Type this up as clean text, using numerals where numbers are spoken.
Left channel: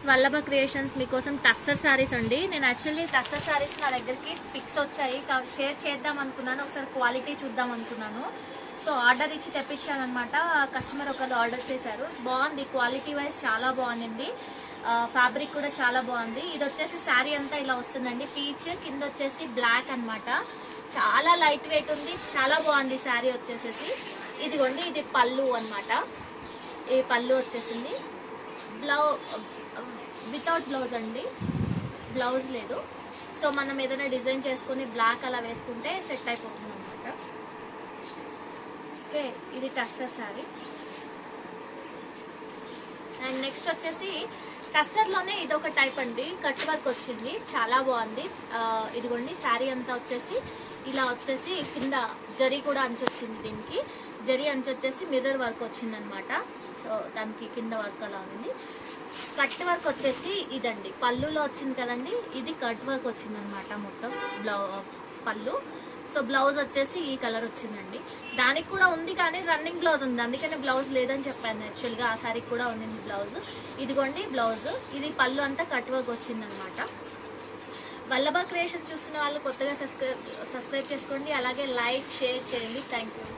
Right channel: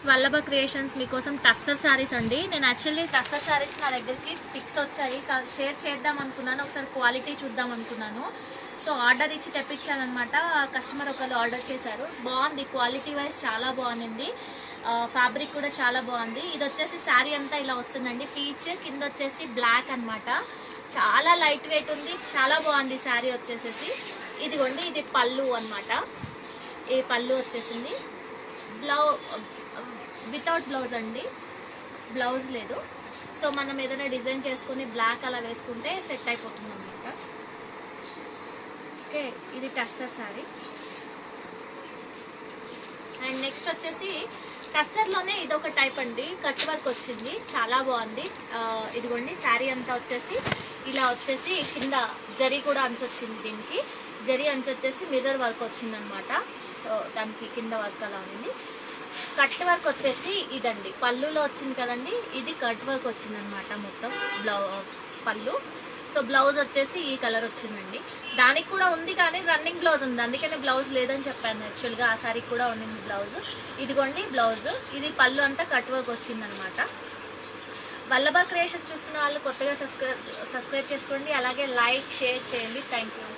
Vallabha creations మీకోసం టస్సర్ సారీస్ అండి. నేను యాక్చువల్లీ టస్సర్ సారీస్ నా దగ్గరికి పిక్స్ వచ్చాయి, షేర్ చేద్దాం అనుకున్నాను, ఒకసారి క్వాలిటీ చూద్దాం అనుకున్నాను. సో ఆర్డర్ ఇచ్చి తెప్పించాను అనమాట. కస్టమర్ ఒకళ్ళు ఆర్డర్ చేశారు. బాగుంది, క్వాలిటీ వైజ్ చాలా బాగుంది. ఫ్యాబ్రిక్ కూడా చాలా బాగుంది. ఇది వచ్చేసి శారీ అంతా ఇలా వస్తుందండి, పీచ్ కింద వచ్చేసి బ్లాక్ అన్నమాట. చాలా లైట్ వెయిట్ ఉంది, చాలా బాగుంది శారీ వచ్చేసేసి. ఇదిగోండి, ఇది పళ్ళు అన్నమాట. ఈ పళ్ళు వచ్చేసింది. వితౌట్ బ్లౌజ్ అండి, బ్లౌజ్ లేదు. సో మనం ఏదైనా డిజైన్ చేసుకుని బ్లాక్ అలా వేసుకుంటే సెట్ అయిపోతుంది అనమాట. ఓకే, ఇది టస్సర్ శారీ. అండ్ నెక్స్ట్ వచ్చేసి టస్సర్ లోనే ఇదొక టైప్ అండి, కట్ వర్క్ వచ్చింది, చాలా బాగుంది. ఇదిగోండి, శారీ అంతా వచ్చేసి ఇలా వచ్చేసి కింద జరీ కూడా అంచు వచ్చింది. దీనికి జరీ అంచు వచ్చేసి మిర్రర్ వర్క్ వచ్చింది అనమాట. సో దానికి కింద వర్క్ అలా ఉంది. కట్ వర్క్ వచ్చేసి ఇదండి, పళ్ళులో వచ్చింది కదండి, ఇది కట్ వర్క్ వచ్చింది అనమాట మొత్తం పళ్ళు. సో బ్లౌజ్ వచ్చేసి ఈ కలర్ వచ్చిందండి. దానికి కూడా ఉంది కానీ రన్నింగ్ బ్లౌజ్ ఉంది, అందుకనే బ్లౌజ్ లేదని చెప్పాను. యాక్చువల్గా ఆ సారీకి కూడా ఉండింది బ్లౌజ్. ఇదిగోండి బ్లౌజ్, ఇది పళ్ళు అంతా కట్ వర్క్ వచ్చింది అనమాట. వల్లభ క్రియేషన్ చూస్తున్న వాళ్ళు కొత్తగా సబ్స్క్రైబ్ చేసుకోండి, అలాగే లైక్ షేర్ చేయండి. Thank you.